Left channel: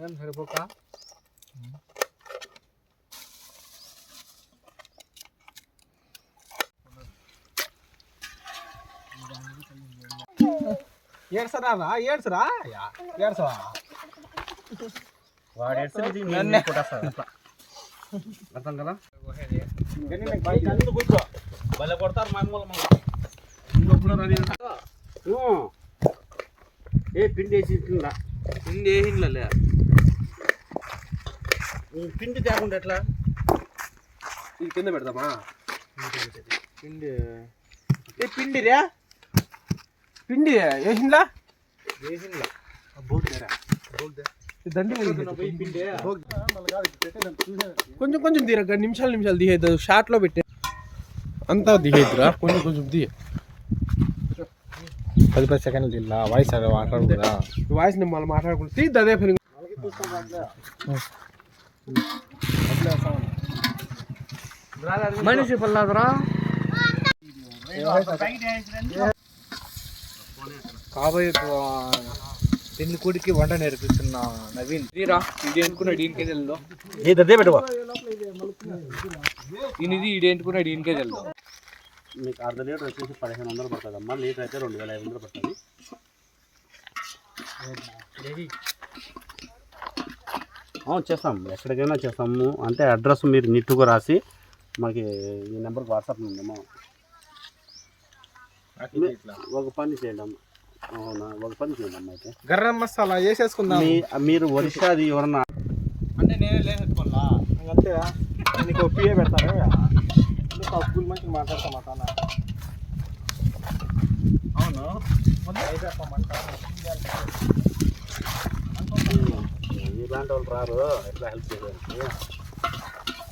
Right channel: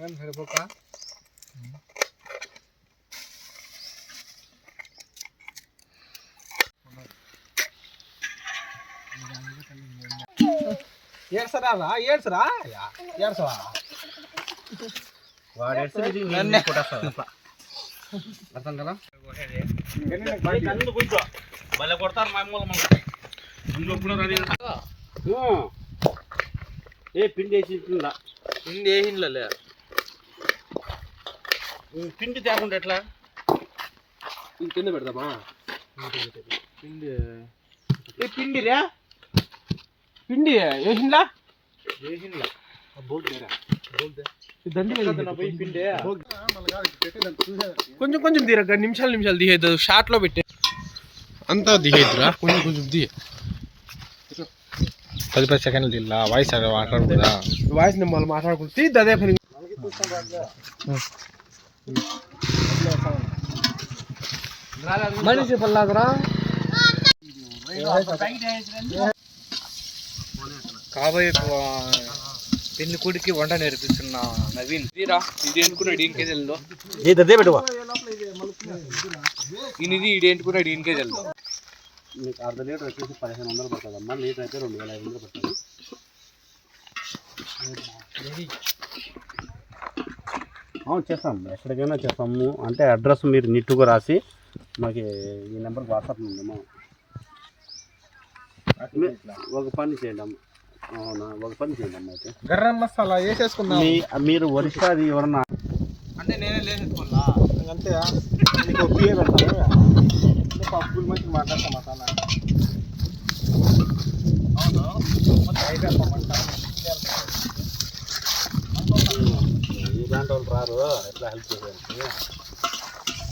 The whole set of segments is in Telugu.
సరిపోక ఏడ్సరా రా ఏడ్సరా ఏడ్సవా వాడు ఎడుతుంది నన్నే. అర్థం కదా భలే కొడతారు మా అమ్మోళ్ళు ఏ పిండి వేసి పిండి వేసిండ్లే పిండి తేకుండా ఎట్లా? ఇది కింద పెడదామా? పిండి ఏ పిండి రే? పిండి వేసిండ్లా పోయి పిండి. కొంచెం కొంచెం తీరక నిమిషాలు నిమిషాలు తీయద్దు షార్ట్లో పెట్టే. అంతా తీయద్దురా కొంచెం కొంచెం తీయ. పది పది సెకండ్లు తీలా వాయిస్ అదే మాట్లాడకూడదా? వాయిస్ మళ్ళీ మాట్లాడకూడదు. తీద్ది అదే ఫిలిం మనిషి పల్లాదరా. కాబోయే పెళ్ళి కొడుకు వంట నేర్పిస్తున్నా నవీన్. తీరా ఇది ఎంటుకున్నాడు ఈయనకే తెలుదో ఇదే ఈయనది ఇది ఎంటుకున్నాడు ఈయనకే తెలుదో మీకు అర్ధ లీటర్ వచ్చేసి పదిహేను వందలు పడుతుంది అమ్మా లీటర్ అయితే రెండు వేల ఐదు వందలు పడుతుంది. అవును చేస్తాం. ఎక్కడికైనా చేస్తాము. అంటే అడ్రస్ మీరు నీట్గా రాసి మాకు ఈ నెంబర్కి వాట్సాప్ ఉందమ్మా. ఒక పని చేయండి అమ్మ. అవునా? ఒక పని చేయండి అమ్మ అయితే. గరం మసాలా వేసేసుకుందాం. మీ మీరు ఒరిస్సాది ఎవరన్నా? అంటే నేనే లేచుకోవాలా అంతే నీకు పిఏ పెడతాను పప్పులు మంచి మాట్లాడతా మసాలా అవును? ఇలాంటి వాళ్ళు రారు ఎట్లా హెల్ప్ చేయడానికి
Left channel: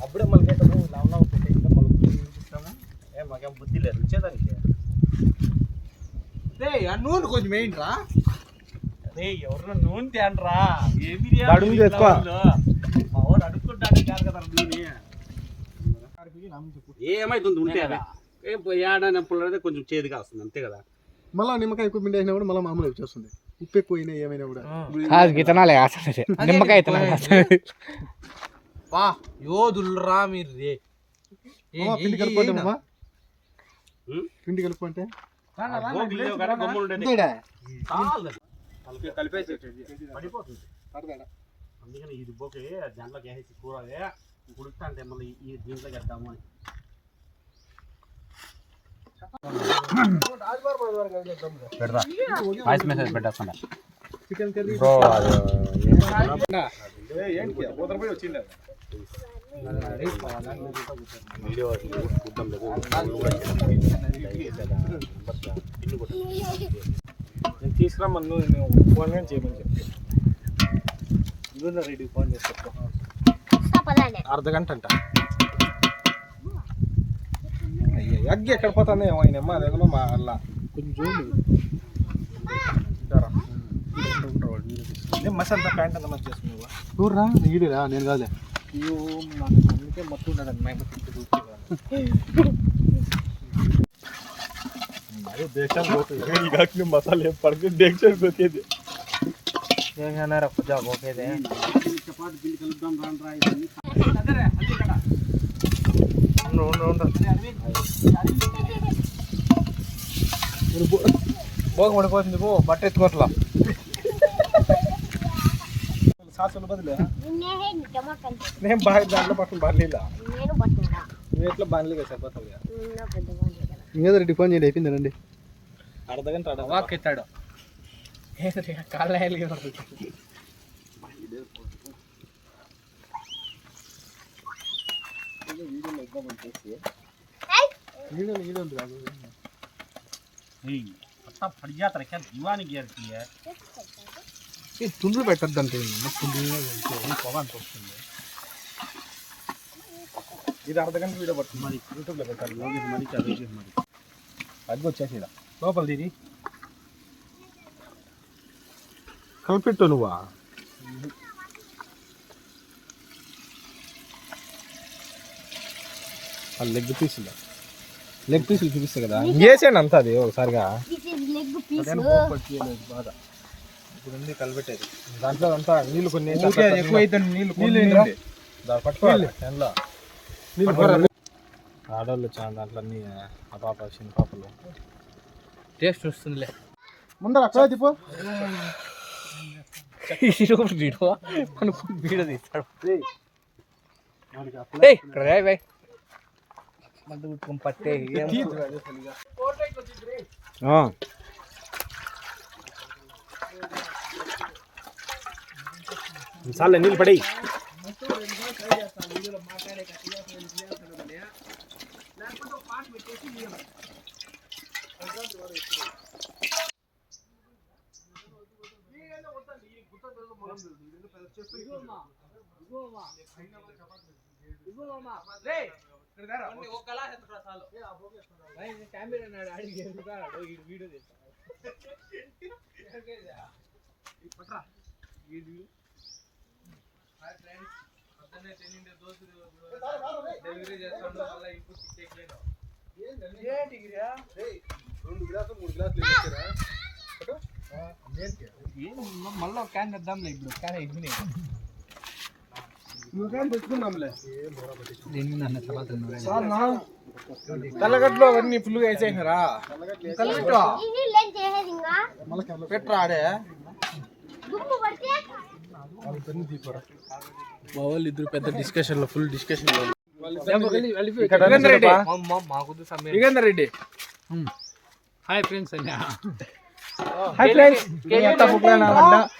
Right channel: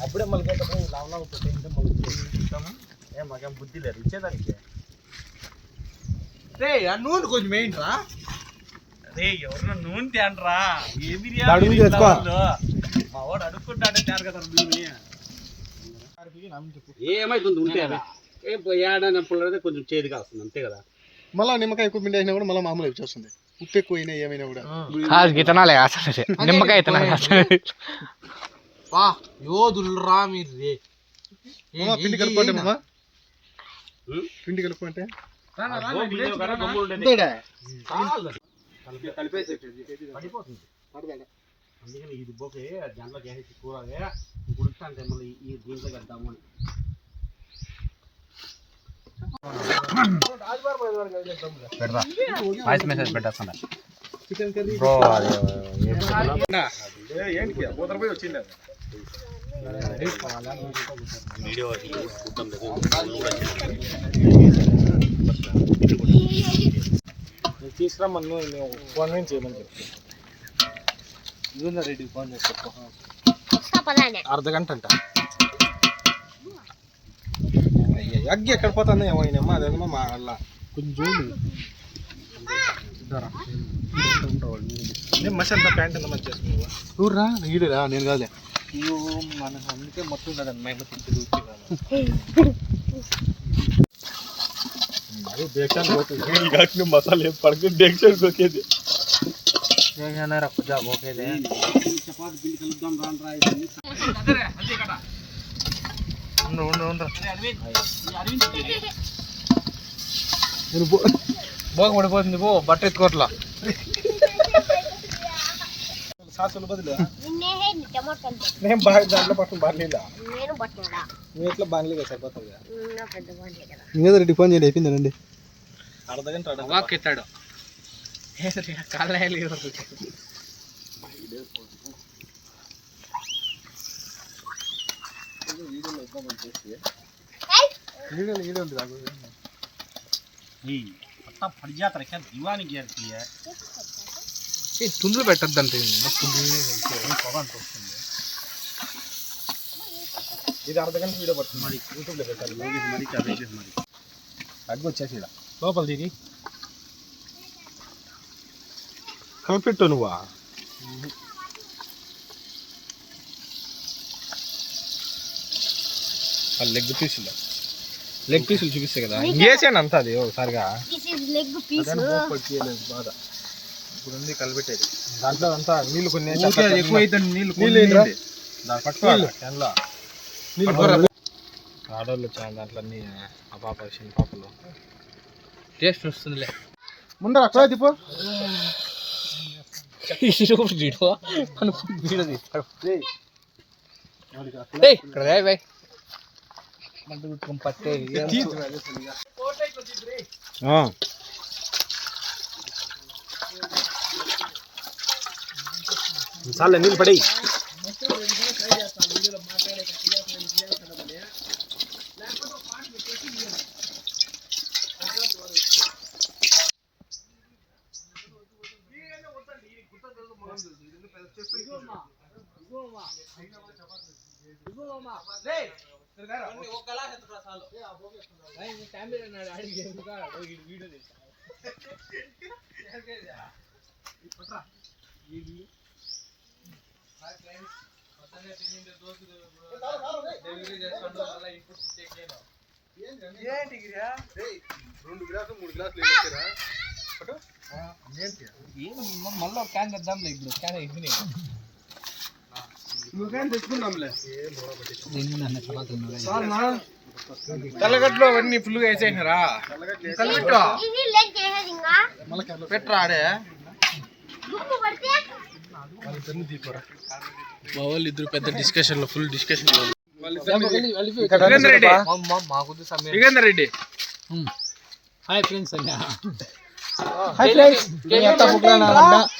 అప్పుడే మళ్ళీ లావు పెట్టే ఇంకా మళ్ళీ ఇస్తాము? ఏ మాకేం బుద్ధి లేదు ఇచ్చేదానికి. రే ఆ నూనె కొంచెం వేయండిరా. అరే ఎవరన్నా నూనె తేండ్రా ఏది అడుగు తెచ్చుకో. మా వాడు అడుక్కుంటాడే తేరు కదా నూనె. ఏమైతుంది ఉంటే ఏడనప్పుడు కొంచెం చేదుగా వస్తుంది అంతే కదా. మళ్ళీ నిమ్మకాయ ఎక్కువ పిండి అయినా కూడా మళ్ళీ మామూలు వచ్చేస్తుంది. ఉప్పు ఎక్కువ అయినా ఏమైనా కూడా. కాదు గితనాలే అసలు నిమ్మకాయ ఇతనాలే వా యోధులు రా మీరు రే పిండి కలుపుకుంటే అమ్మా? పిండి కలుపుకుంటే పడిపోతుంది. అందుకని ఇది పోకే దాంట్లో వేసేసి కూరదే ఉడుకుతా అంటే మళ్ళీ ఈ దీంట్లో వేద్దాము అని. వాయిస్ మెసేజ్ పెట్టేస్తున్నా చికెన్ కర్రీ వీడియో తీసుకురమ్మని నువ్వు మేము ఫోన్ చేయమని చెప్పి రెడ్డి ఫోన్ చేస్తా అర్ధ గంట అంట అయ్య, అగ్గి ఎక్కడ పోతుంది ఏమైనా అదేమో మా వల్ల కొంచెం మసాలా ప్యాంట్ అంతా మంచి చూడరా ఈడురా నేను కాదులే. అయ్యో మనకు అందుకే మొత్తం ఉండదు అమ్మాయి అది దేశానికి పోతుంది. ఈ కాకుండా మసాలా ఏం పడుతుంది దేశానికి పోతుంది చపాతి పిండి కలుపుదాం రాండ్రా ఇవన్నీ. నేను పో- భోగం పడిపోతుంది పో బట్ట ఎత్తుకోట్లా. సాసులు బదులు? నేను బాగా దాంట్లో నేను పట్టుకున్నా. నువ్వు ఎట్లా బాగాలేదు సరిపోతుంది ఇంకేదో రెడ్డి ఫోన్ చేయండి అయిపోయిందండి అర్ధ గంట అర్ధ గంట. వాక్ ఎత్తాడు. కాళ్ళు ಫಡಿಯಾತ ರಕ್ಕ ದಿವಾನಿ ಗೇರ್ತಿಯ ಏ ತುಂಡು ಬೆಟ್ಟದ್ದಂತೆ ತುಂಡುನೇ ಹೇಳ್ತೀವಿ ಪವನ್ ತೋರಿಸ್ತೀನಿ ಇದು ಅರ್ಧ ಗಂಟೆ ವೀಡಿಯೋ ಬರ್ತೀನಿ ಮಾಡಿ ಯೂಟ್ಯೂಬ್ಲೆ ಬೇಕಾದ್ರೆ ಹೋಗಿ ಮಾಡಿ ಚಾರ್ಜ್ ಮಾಡಿ ಅಡ್ಗೆ వచ్చేసిడ లోపల దిగి కలిపిట్టు నువ్వా లెగ్ పీసులు లెగ్ పీసులు చూపిస్తాయి కదా. వేసేయండి అంతా అది ఒకసారిగా. దిస్ ఇస్ లెగ్ పీస్ అదని పోపట్టు చేయలేదు బాధ. ఇప్పుడు కలిపెట్టేది. దాంట్లో అంతా నీళ్ళు కొన్ని ఎక్కువ అయితే నీళ్ళు నీళ్ళు నీళ్ళు? దాన్ని పట్టుకోవాలి. దాంట్లో. నీళ్ళు. ఆడవాళ్ళు వచ్చాను దాంట్లో అన్ని ఆ పాప చిన్న పాపలు. టేస్ట్ వస్తుందిలే. ముందర అక్కడ దిపో. వీడియో ಮಂಡಗುಟ್ಕೊಂಡು ಪತ್ತೆ ಹಾಂ ಸಾಲ ನೀನು ಪಡಿ వీడియో తీస్తాడు ఏయ్ ఇక్కడ రా బాయ్ మంట కుట్టుకుని పట్టే చాలే నీళ్ళు పడి మళ్ళీ క్యాన్ తెద్దాంలే ఇప్పుడు క్యాన్ తెచ్చుకుందాంలే తెల్లగడ్డలు అవన్నీ ఫుల్గా వేసేసినారా? పెట్టరా ఆడే? మా వాళ్ళు ఇద్దరు పెద్ద డిస్కషన్లో ఫుల్ డిస్కషన్ యుగేందర్ రెడ్డి. మాకు సమయం. యుగేందర్ రెడ్డి. హాయ్ ఫ్రెండ్స్ అన్న. హాయ్ ఫ్రెండ్స్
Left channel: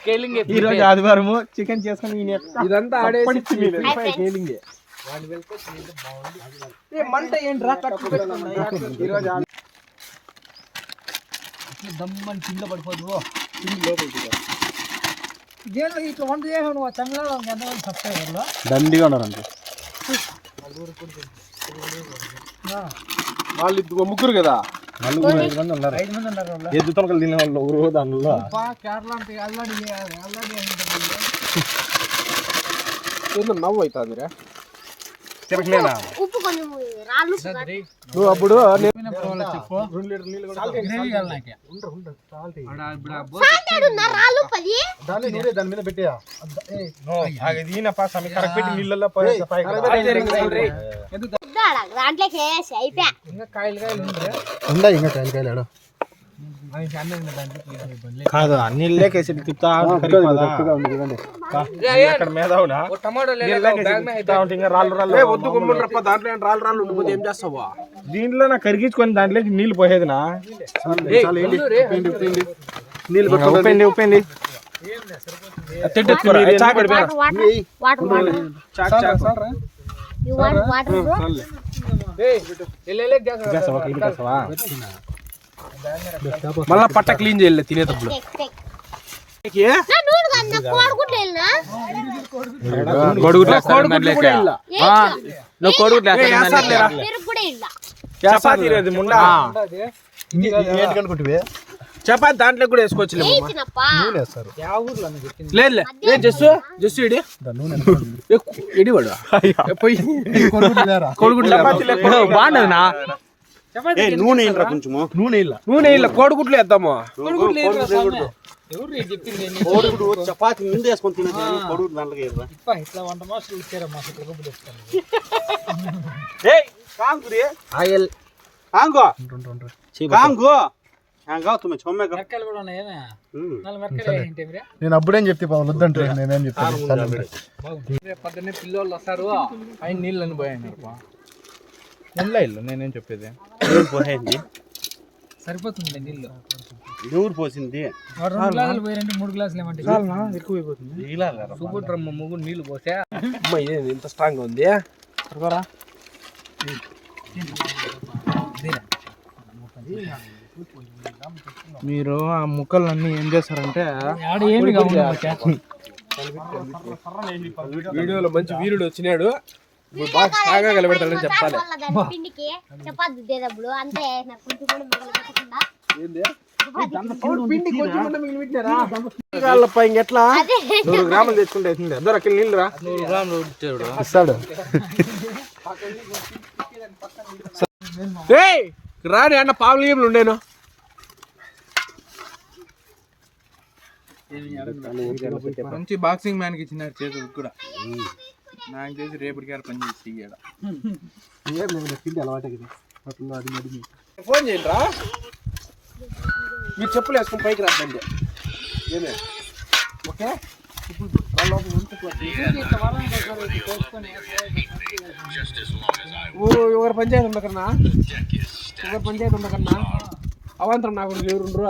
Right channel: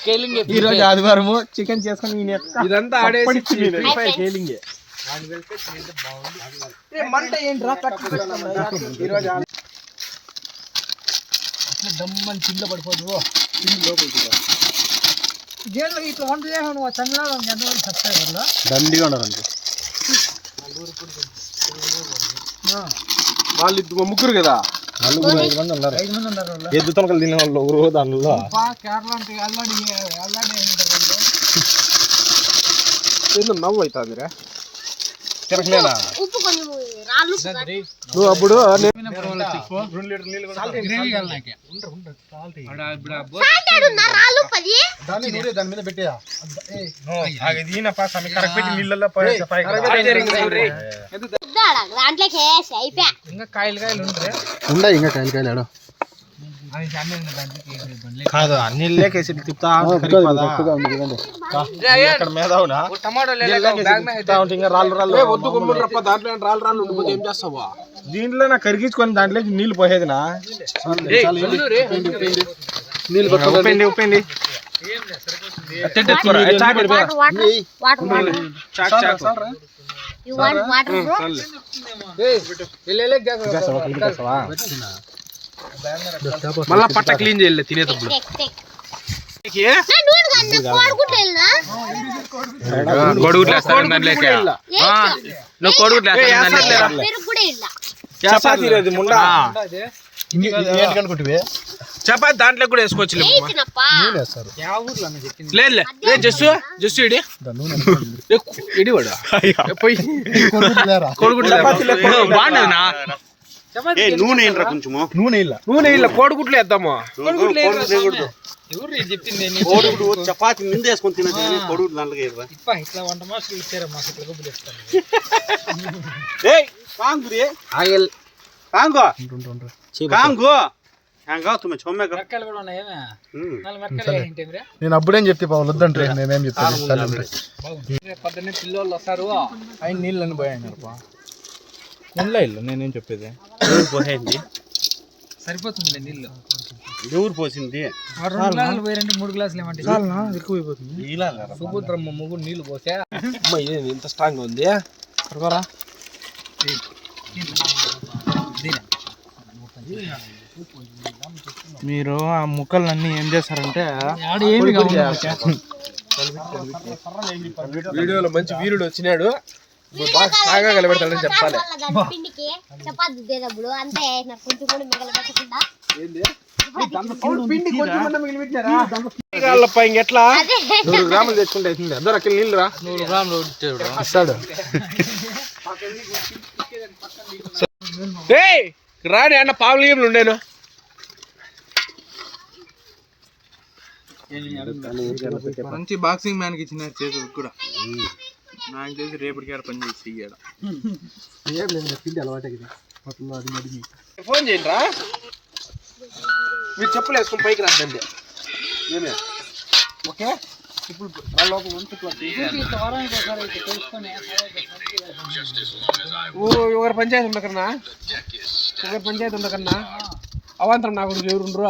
కేలింగ్ ఈ రోజు ఆదివారము చికెన్ చేసుకొని ఇదంతా ఆడేసి ఫ్రీ ఫైర్ కేలింగ్ మంట ఏంట్రా దమ్మని కింద పడిపోదు ఇట్లా వంట చేసావు నువ్వు చంద్రబాబు ఎంతమంది సబ్స్క్రైబర్లు దండిగా ఉన్నారు వాళ్ళు ఇద్దరు ముగ్గురు కదా నలుగురు ఐదు మంది ఉన్నారు ఐదు మంది ఉన్నారు వాళ్ళు ఎద్దు తొనకలు తినే వాళ్ళు ఊరు దానిలో పా కేరళ అంటే అల్లాడి అల్లాడి ఉంటారు వాళ్ళు ఏందో నవ్వు అవుతుందిరా తిరగలేనా ఉప్పు కొంచెం రాళ్ళు ఉప్పు కాదు. నువ్వు అప్పుడు దాని మీద పెట్టేయా? ఇంకా కాయలు కాయలు ఉందా ఇంకా కాయలు కాయలు అది అన్నీ ఉన్న దాంట్లో కాదు అన్ని లేకేసి తిప్పుతా అక్కడ మీద అవునా టమాటో ఇంకా రాళ్ళు రాళ్ళు ఏ వద్దు గుమ్మలు రప్ప దాంట్లో రాళ్ళు రాళ్ళు ఉండిపోతే ఏం చేస్తావా దీంట్లో నా కరిగించుకొని దాంట్లో నీళ్ళు పోయేదినా నీళ్ళు ఉప్పండి ఉప్పండి వాటర్ మళ్ళా పట్ట క్లీన్ చేయలే తినేటప్పుడు కొడుగుట్లు వేస్తారు దాంట్లోకి నువ్వు కొడుగుట్లు ఇల్ల చపాతీ లేదు ముండ? చపాతీ దాంట్లో కూడా వేసుకోవచ్చు లేదు లే జస్ట్ జస్ట్ ఇడి? ఇడి వాడు లేవా? బాగుండదు నా. నూనె కొంచెము? నూనె ఇల్ల నూనె కోడిగుడ్లు వేద్దాము? ఎవరు చెప్పింది? కోడిగుడు చపాతి ముందు వేసుకొని కానీ దాంట్లో వేయరా? ఇట్లా వంట ఇచ్చారా? ఆయిల్. కాంగు? కాంగు? ఏంటి నేను అప్పుడేం చెప్తే వద్దంటే నేనేం చెప్తాను? పిల్లోళ్ళు వస్తారు. ఆయన నీళ్ళని పోయాను ఇల్లు నేనేం చెప్పేది? ఎవరు పోయింది సరిపోతుంది నీళ్ళు. ఎవరు పోసింది? రెండు గ్లాసులు మూడు గ్లాసులు ఏమంటే. ఎక్కువ అయిపోతుంది ఇలా సుభద్రమ్మ ముగ్గురు నీళ్ళు పోసా. అమ్మ ఇదేంది? ఇంత స్ట్రాంగ్ ఉంది. మీరు ఆ ముక్కలన్నీ ఏం చేస్తారంటే వీడియోలో మంచి వీరుడు వచ్చినాడు. బాగా కలబెడతాడని చెప్పాలి. పిండికి. చపాతి దేదప్పుడు అంతే నాకు కొంచెం కూడా నూరు గ్రాములు తెచ్చుకుంటే అవుతుంది అద్దరు అక్కడ నీళ్ళు రా. నూరు గ్రాములు ఏయ్ రాని అన్న పావులు ఉండేను. మంచి బాక్సింగ్ మ్యాన్కి ఇచ్చినారు చేతులు కూడా. నాకు తెలిసి రేపటికి ఆడ పని చేసి ఇయ్యాడ ఫోన్ చేయండి రా మీరు చెప్పులు వేసుకుని పైకి రాద్దండి ఏమే? ఓకే? ఇప్పుడు లోపల ఓ ఒకరి పంచాయతీ ఉండకన్నా? ఒకరి పంచాయతీ ఉండకన్నా? అవాంతరం నాకు ఎవరుండ్రు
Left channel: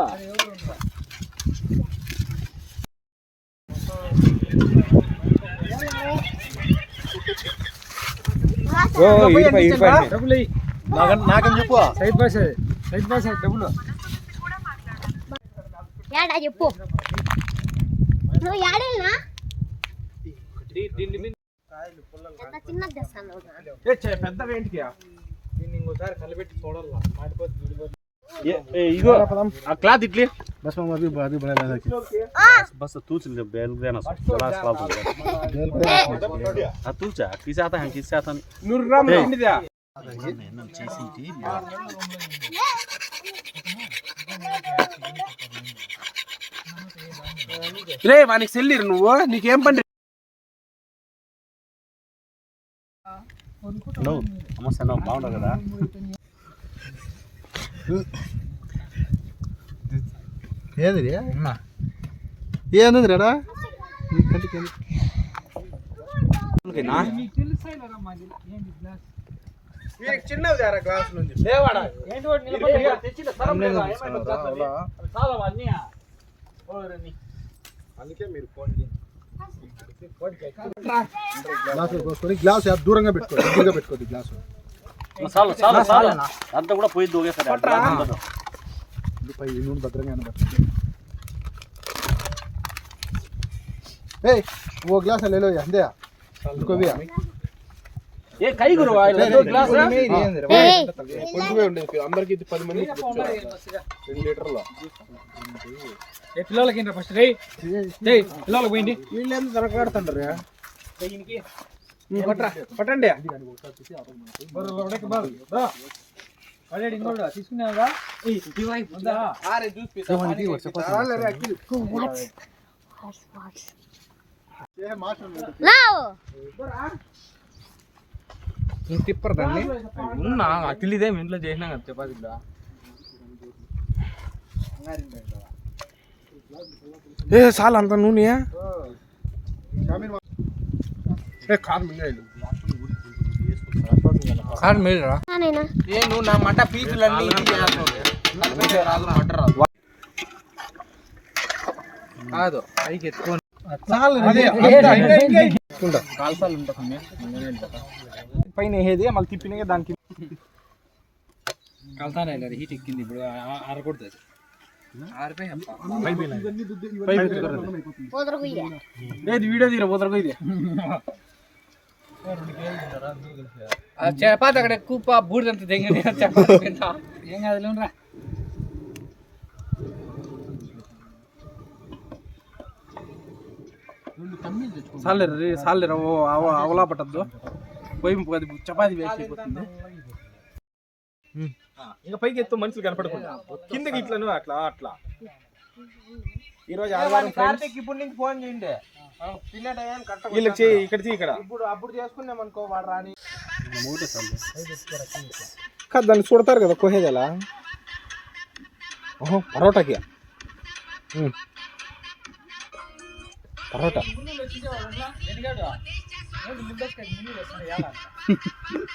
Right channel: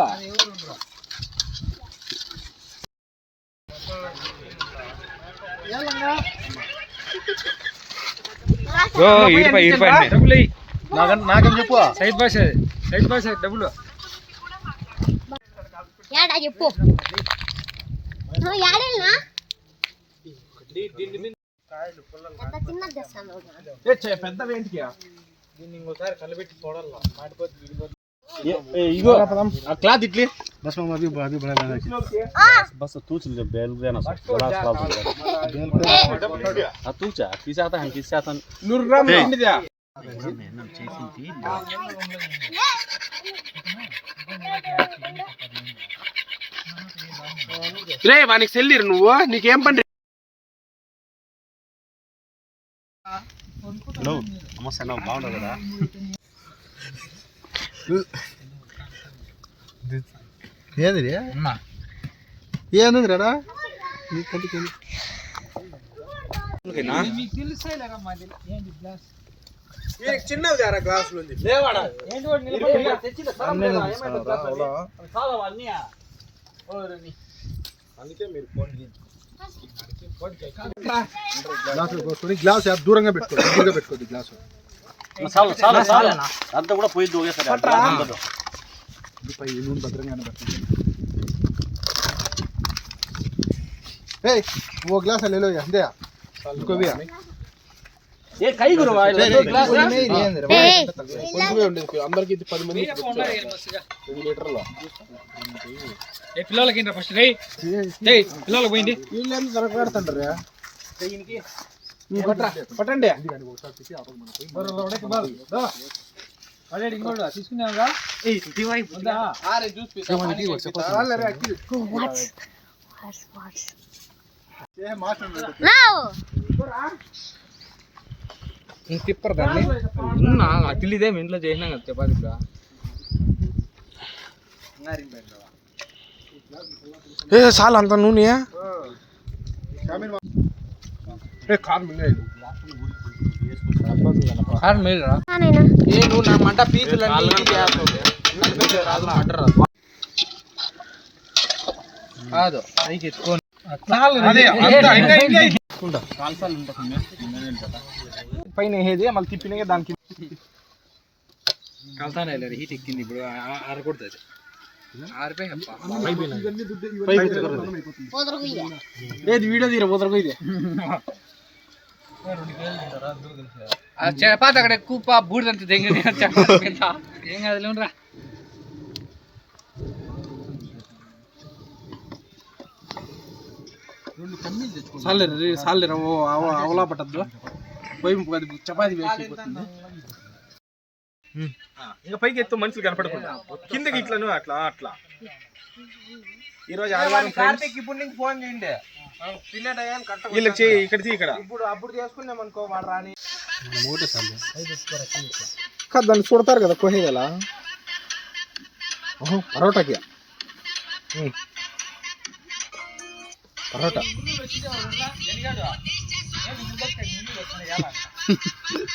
ఏడా చెప్పు. నువ్వు ఏడేనా ఎంత చిన్నది తెస్తాను ఏ, చే- పెద్ద వేంటికి దీన్ని ఇంకోసారి కలిపెట్టి చూడాలా. మాటిపోతే ఇగో ఆ క్లాత్ ఇట్లే बस तूच ले बेल देना गलास पाप आ तूच किसे आता है किसे आता నూరు గ్రాములు ఏయ్. తిండిదా రే వానికి సెల్లిరు నువ్వు నీకేం పని नो సమస్య నా బాగుండదు కదా ఏంది ఏంది రా మీకు తెలుసా మాది ఏంటి గ్లాస్? వీరికి చిన్నది గ్లాసులు ఉంది. ఏంటి వాడు నిలబడి గ్లాస్ దూరంగా పెట్టుకో దగ్గరగా పెట్టుకోద్దు గ్లాస్. చాలు చాలు చాలు. అంతా కూడా పోయి దూగేస్తారు భద్రంగా ఓ గ్లాస్ లేలో అందే ఇంకో ఏ కై గురు గ్లాస్? కొంచెమే ఉండేది అందరికి ఇది పది మంది రెండు లీటర్లు. ఏ పిల్లలకి ఏంట్రా ఫస్ట్ రే ఏయ్ పిల్లలకు పోయింది. వీళ్ళు ఎంత తనకాడుతుంటారు పట్టరా పట్టండి ఆల్రెడీ ఇంకోటి తీసుకున్నావుగా వద్దా? ఆరే జ్యూస్ పీసా పానీ పీసా రాలేరే అఖిల్ తిప్పరు దాన్ని ఉన్నా అతిలిదే ఇంట్లో చేసినాం కదా చపాతీలో ఏ చాలు అంత నూనె ఏ కారు మింగలేదు సార్ మీరు నాయనా ఏ నువ్వు నా మంట పీసులన్నీ ఇది చేస్తావు రాదు మంట రాదు కాదు పైకి ఎత్తుకొని అదే అంతా ఇంకా ఇంకా కాల్సాలు ఉంటుంది పైన వేసేది మళ్ళీ తిప్పినాక దానికి కలుతానే లేదు హీట్ ఎక్కింది ఇప్పుడు ఆరకూడదు ఆరిపోయి పోదరు గుయ్య ఏది వీడియో తీర పోతారు ఇది చపాతి అక్కడ కూప బూడిదంత కింద. ఏం కాదు లేవురా సాలేరు సాలేరు అవలా పట్టద్దు. పోయి అది చపాతి వేసి అయిపోతుంది ఇంకా పైకి ఎత్తు మనుషులు కనపడకుండా. కిందకి ఇట్లా నువ్వు అట్లా అట్లా. ఈ రోజు ఆదివారం ఫ్రెండ్స్ ఇప్పుడు నుంచి ఫోన్ చేయండి. వీళ్ళకి ఇక్కడ తీ ఇక్కడ. ఇప్పుడు అప్పుడు చేసుకున్నాం అనుకో వాడు రాని. కాదు దాన్ని చూడతారు కదా కోహేగల. ఓహో పరోటాకి. పరోటా.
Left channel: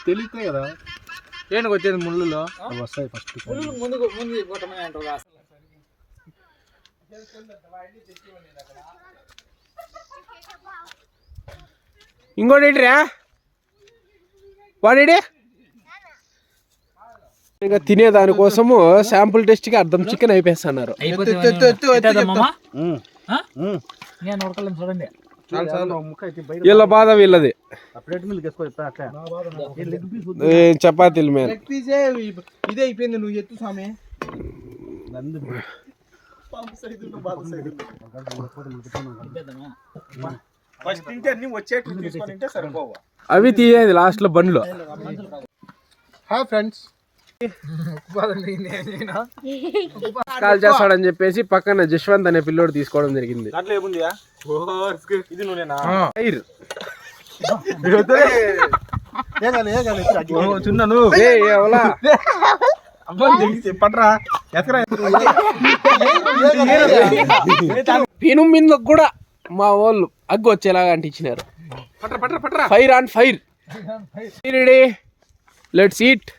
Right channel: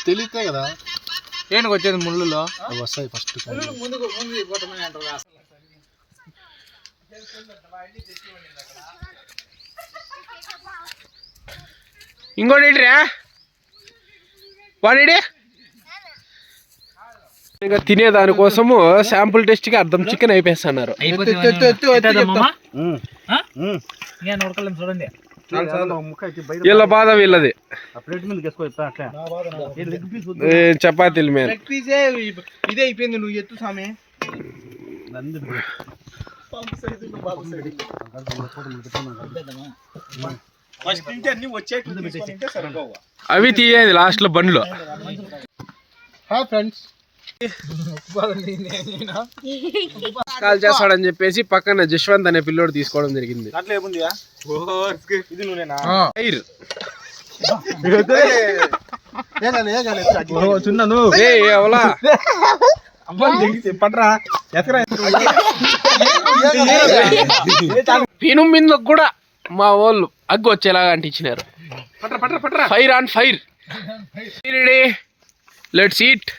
తెలియతే కదా. ఏంటి వచ్చేది ముళ్ళులో? అవి వస్తాయి ఫస్ట్ ముందుకు ముందు ఇంకోటి ఏంటిరా? వాడి ఇంకా తినేదానికోసము శాంపుల్ టెస్ట్కి అర్థం చికెన్ అయిపోయిస్తున్నారు. చూడండి. వీళ్ళ బాధ వీళ్ళది. చపాతీలు మీద ఇదే అయిపోయింది నువ్వు ఎత్తు సామి. ఫస్ట్ నుంచి అన్ని వచ్చేట్టు తీసుకొని ఉంటే సరిపోవు. అవి తీయేది లాస్ట్లో బండ్లు. హాయ్ ఫ్రెండ్స్ కాల్ చేస్తాడని చెప్పేసి పక్కన జశ్వంత్ అనే పిల్లోడు తీసుకోవడం జరిగింది. ఎవలా పట్రా. ఎక్కరా పిను మీద కూడా మా వాళ్ళు అగ్గు వచ్చేలాగా అంటించినారు పట్రా పట్రా పట్రా fire on fire let's eat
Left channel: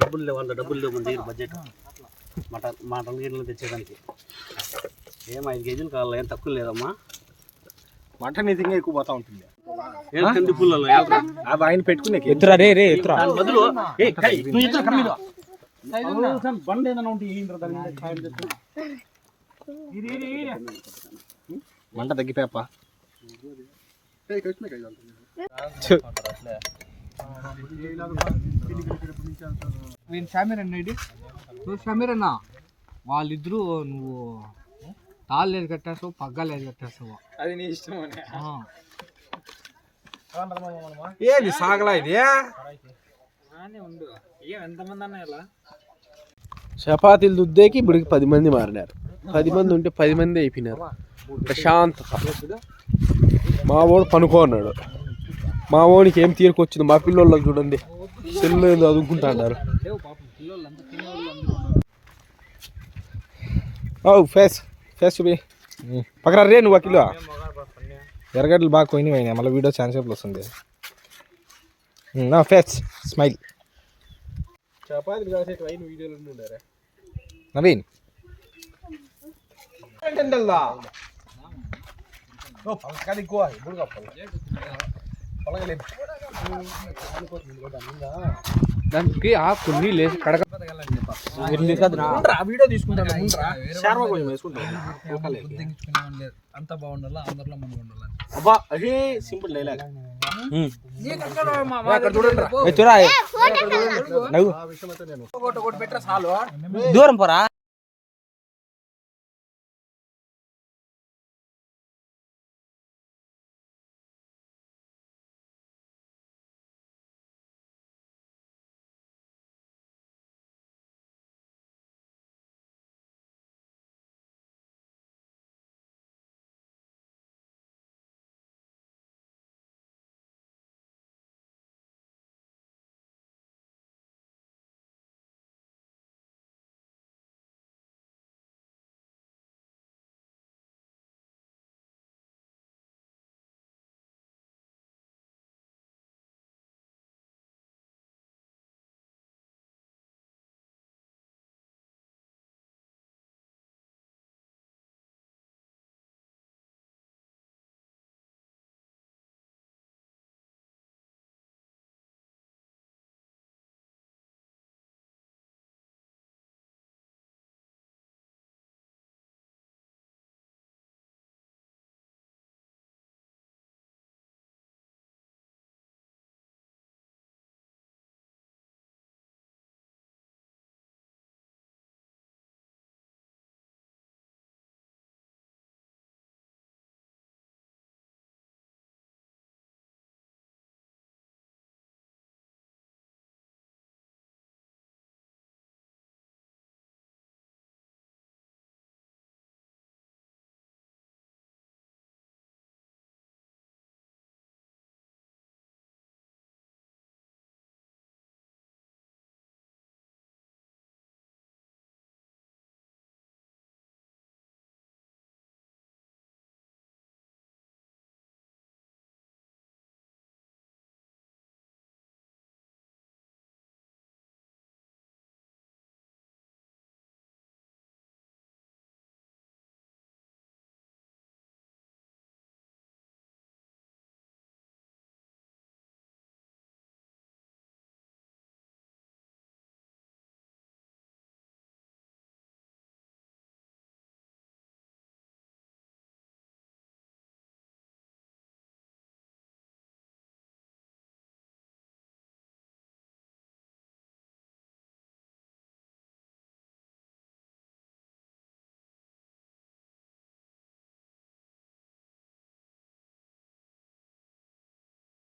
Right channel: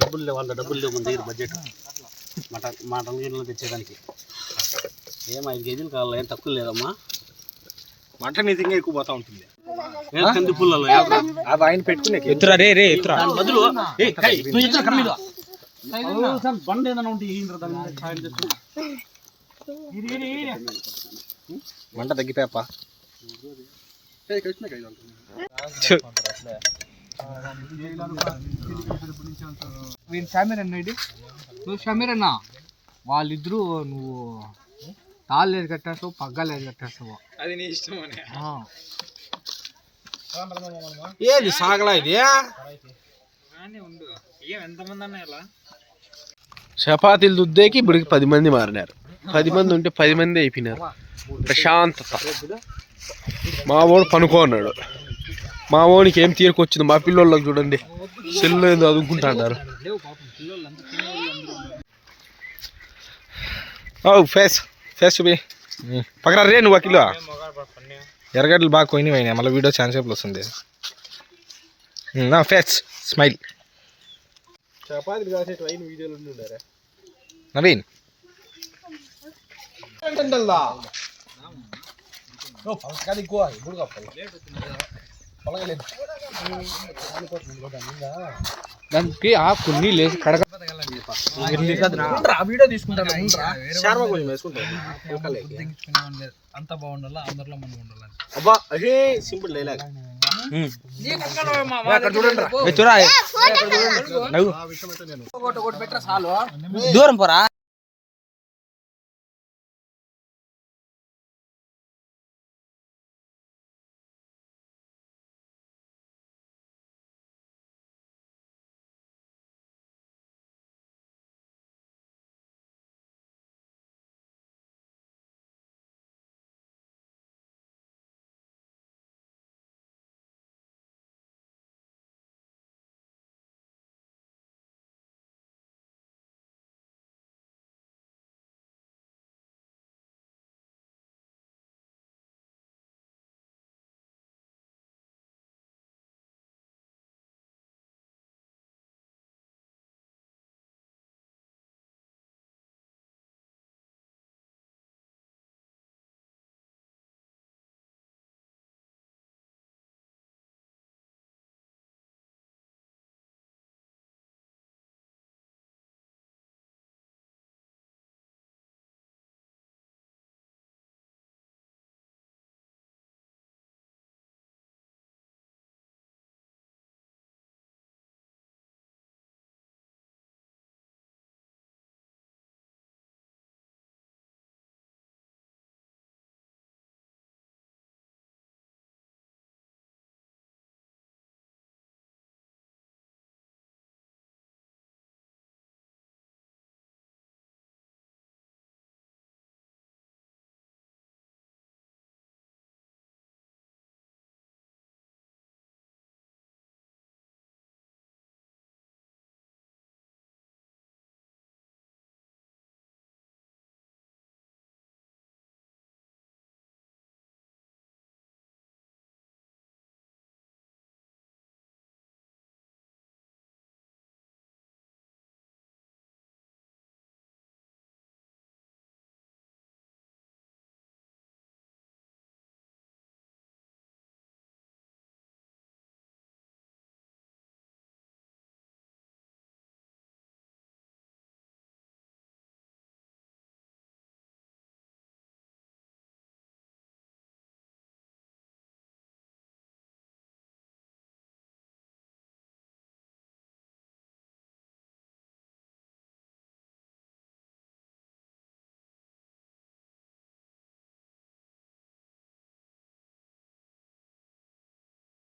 డబ్బులు లేవు వాళ్ళ డబ్బులు లేవు మన దగ్గర బడ్జెట్ మటన్ మటన్ గిన్నెలు తెచ్చేదానికి ఏం ఐదు కేజీలు కావాలి ఏం తక్కువ లేదమ్మా మటన్ ఇది ఇంకా ఎక్కువ పోతా ఉంటుంది కంది పుల్లలో అది ఆయన పెట్టుకునే ఎత్తురా రే రే ఎత్తురా బదులు బండి ఏదైనా ఉంటే దాని మీద. మంట షమీర్ అన్న ఇది నువ్వు షమీర్ అన్న వాళ్ళిద్దరూ నువ్వు తాళ్ళు లేదు కట్టేస్తావు పగ్గాలు లేదు కట్టేస్తావు. అది నీ ఇష్టం అని ఏది సాగలా ఇది? ఉండు. ఏం ఎంతమంది అన్న ఇలా? చపాతీలు దుద్దేకి ఇప్పటికి పది మంది మారినారు. పది మంది ఉంటే పది మంది అయిపోయినారు. ప్రశాంతత. మా వాడు పనుకోన్నాడు మా వాడికి ఏం తీరుకొచ్చింది? మా పిల్లోళ్ళకి చూడండి. సెల్లు ఏదో అదుకుంటా అన్నారు. ఓ ఫేస్. ఫేస్ చూపి. పక్కన రే నువ్వు కిలో ఎర్రగడ్డలు బాగా పోయినాయి మళ్ళీ వీడియో ఛాన్స్ వస్తుంది. ఫేస్. స్మైల్. చపాతీలు కాసే ట్రైన్ వీడియోలు ఉండారా నవీన్. దానికి ఆ కొన్ని లేసి కడగ. వీడియో తీసుకుంటాను అంత బాగుండాలా? అందరిలో మనం ఉండాలి? అబ్బా అదే సింపుల్ డైలాగ్ దూరం పోరా